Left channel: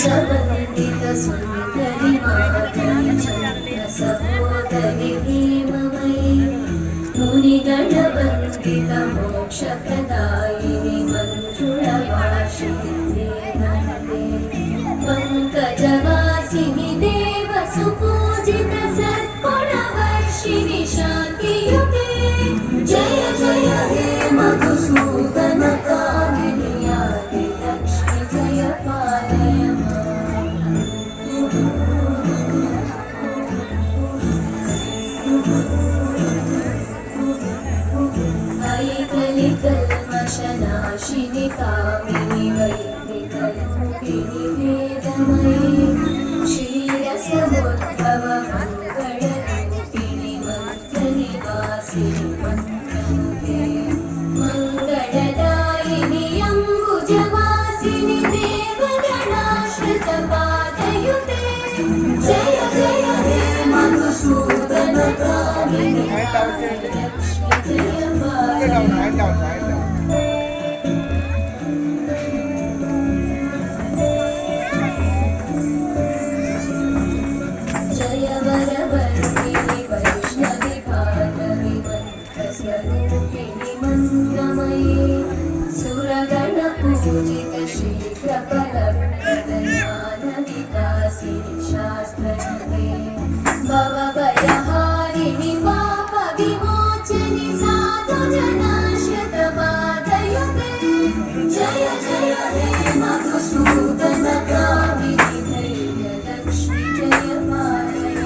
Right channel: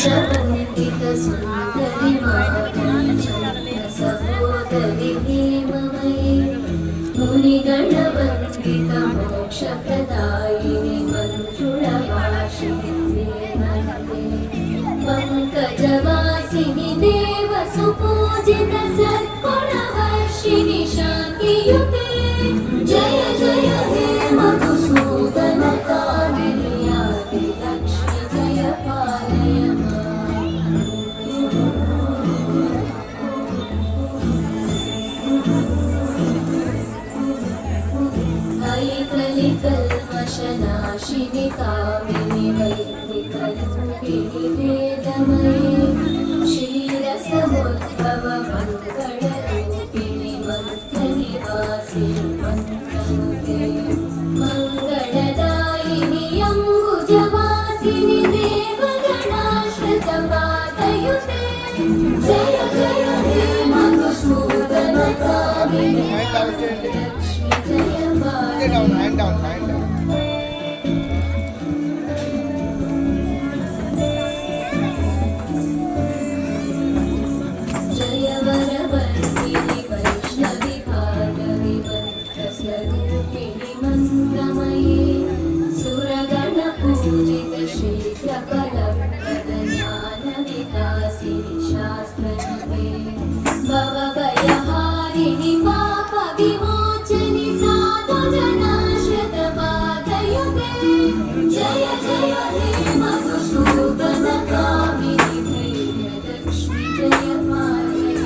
चन्द्रवन्दित सुन्दरि मातरि चन्द्रसहोदरि हेममयि मुनिगणवन्दित मोक्षप्रदायिनि मञ्जुळवासिनि पङ्कजवासिनि देवसुपूजित सद्गुणवर्षिणि शान्तियुते जय जय हे मधुसूदन कामिनि आदि लक्ष्मी जय पालय कल्मषनाशिनि कामिनि वैदिकरूपिणि वेदमयि क्षीरसमुद्भव मङ्गलरूपिणि मन्त्रनिवासिनि मन्त्रमुखे मङ्गलदायिनि अम्बुजवासिनि देवगणाश्रितपादयुते जय जय हे मधुसूदन कामिनि hand down. जय वरवर्तिनि वैष्णवि भागवि मन्त्रस्वरूपिणि मन्त्रमयि सुरगणपूजित शीघ्रफलप्रद ज्ञानविकासिनि शास्त्रनवे भवभयहारिणि पापविमोचनि जय जय हे मधुसूदन कामिनि धैर्यलक्ष्मि जय पालय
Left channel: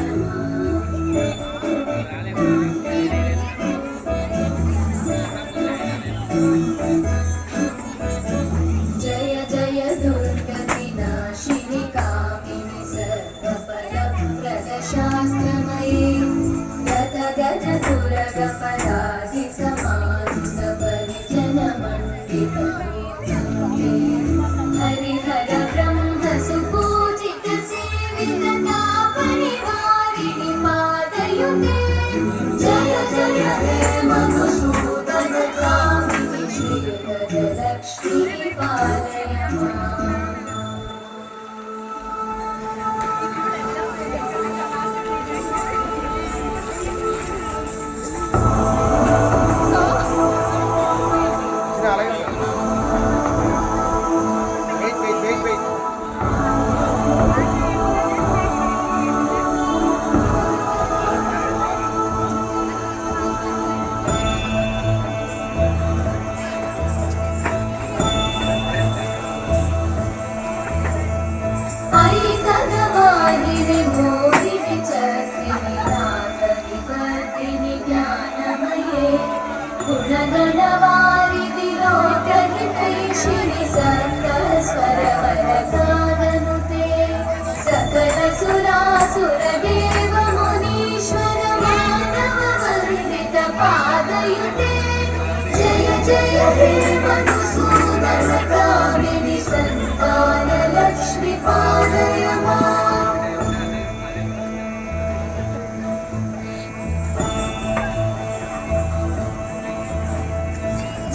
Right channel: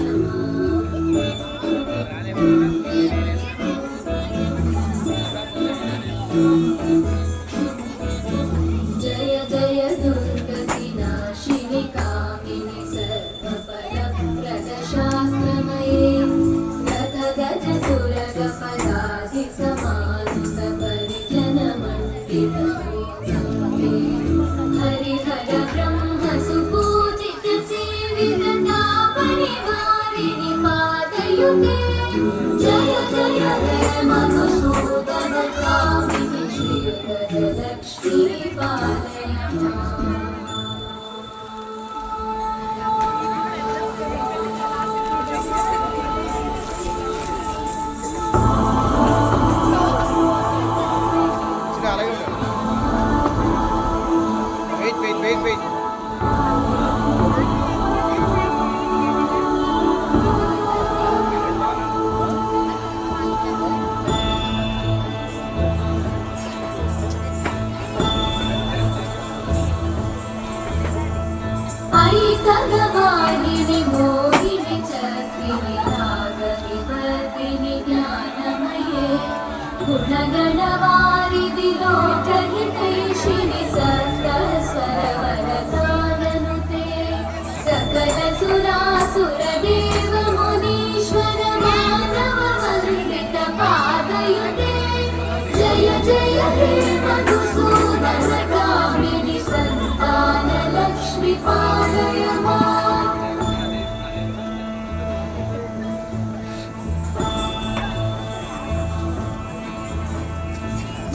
जय जय दुर्गतिनाशिनि कामिनि सर्वफलप्रद शास्त्रमयि गत गज सुरगपदाधि समानुत परिजन मण्डित हरिहर ब्रह्म सुपूजित सेवित तापनिवारिणि पादयुते जय जय हे मधुसूदन कामिनि श्रीधरलक्ष्मी पालय Wait. ऐकगवाहिनि मोहिनि चक्रिणि नागविवर्धिनि ज्ञानमये गुणगणवारिधि लोकहितैषिणि सकलस्वरवरगाननुते सकल सुरासुरदेव मुनीश्वर मानववन्दित पादयुते जय जय हे मधुसूदन कामिनि सन्तान लक्ष्मी पालय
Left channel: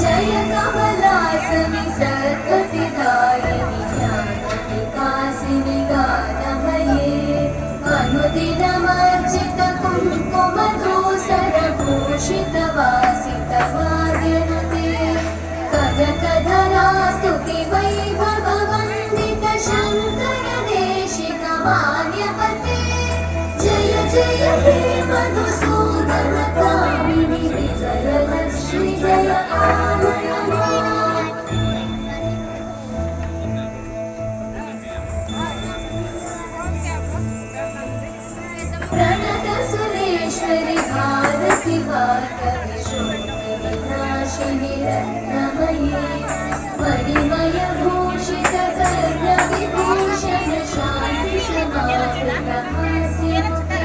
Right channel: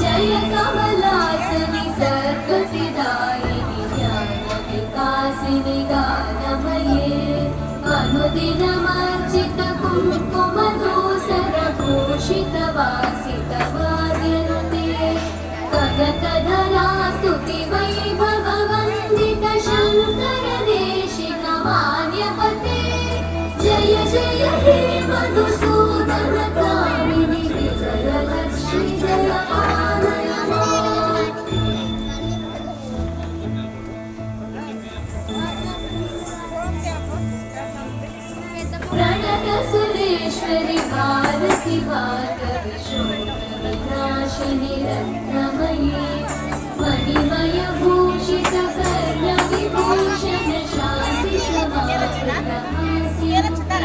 जय कमलासनि सर्वविदायिनि ज्ञानविकासिनि गानमये अनुदिनमर्चित कुङ्कुमधूसरभूषित वासित वाद्यनुते कनकधरा स्तुति वैभववन्दित शङ्कर देशिक मान्यपते जय जय हे मधुसूदन कामिनि विजयलक्ष्मि जय पालय प्रणत सुरेश्वरि भारति भार्गवि शुद्धविनाशिनि रत्नमयि मणिमय भूषित कर्णविभूषण शान्ति समावृतमास्यन्ते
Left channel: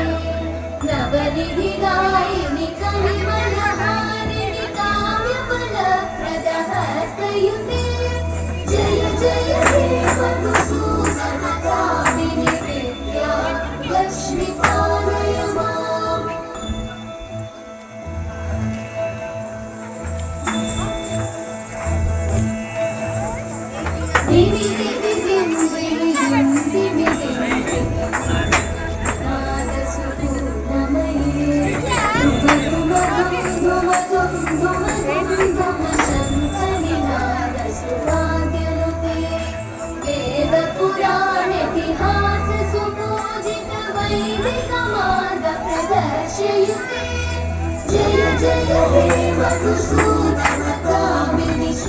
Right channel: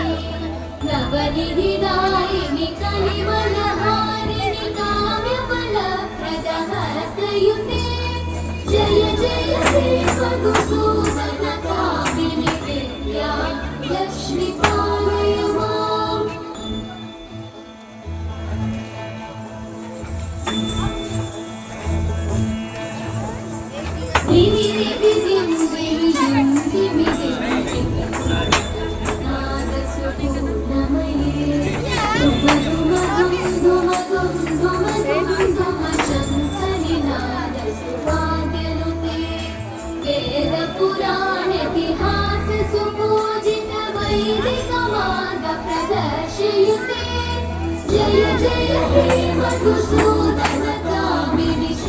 नवनिधिदायिनि कलिवलहारिणि काम्यफलप्रद हस्तयुते जय जय हे मधुसूदन कामिनि विद्या लक्ष्मी पालय माम् दिवि दिवि दिव्यं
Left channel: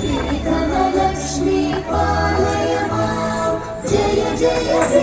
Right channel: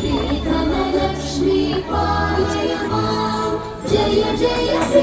श्रीधनलक्ष्मी पालय मां जय जय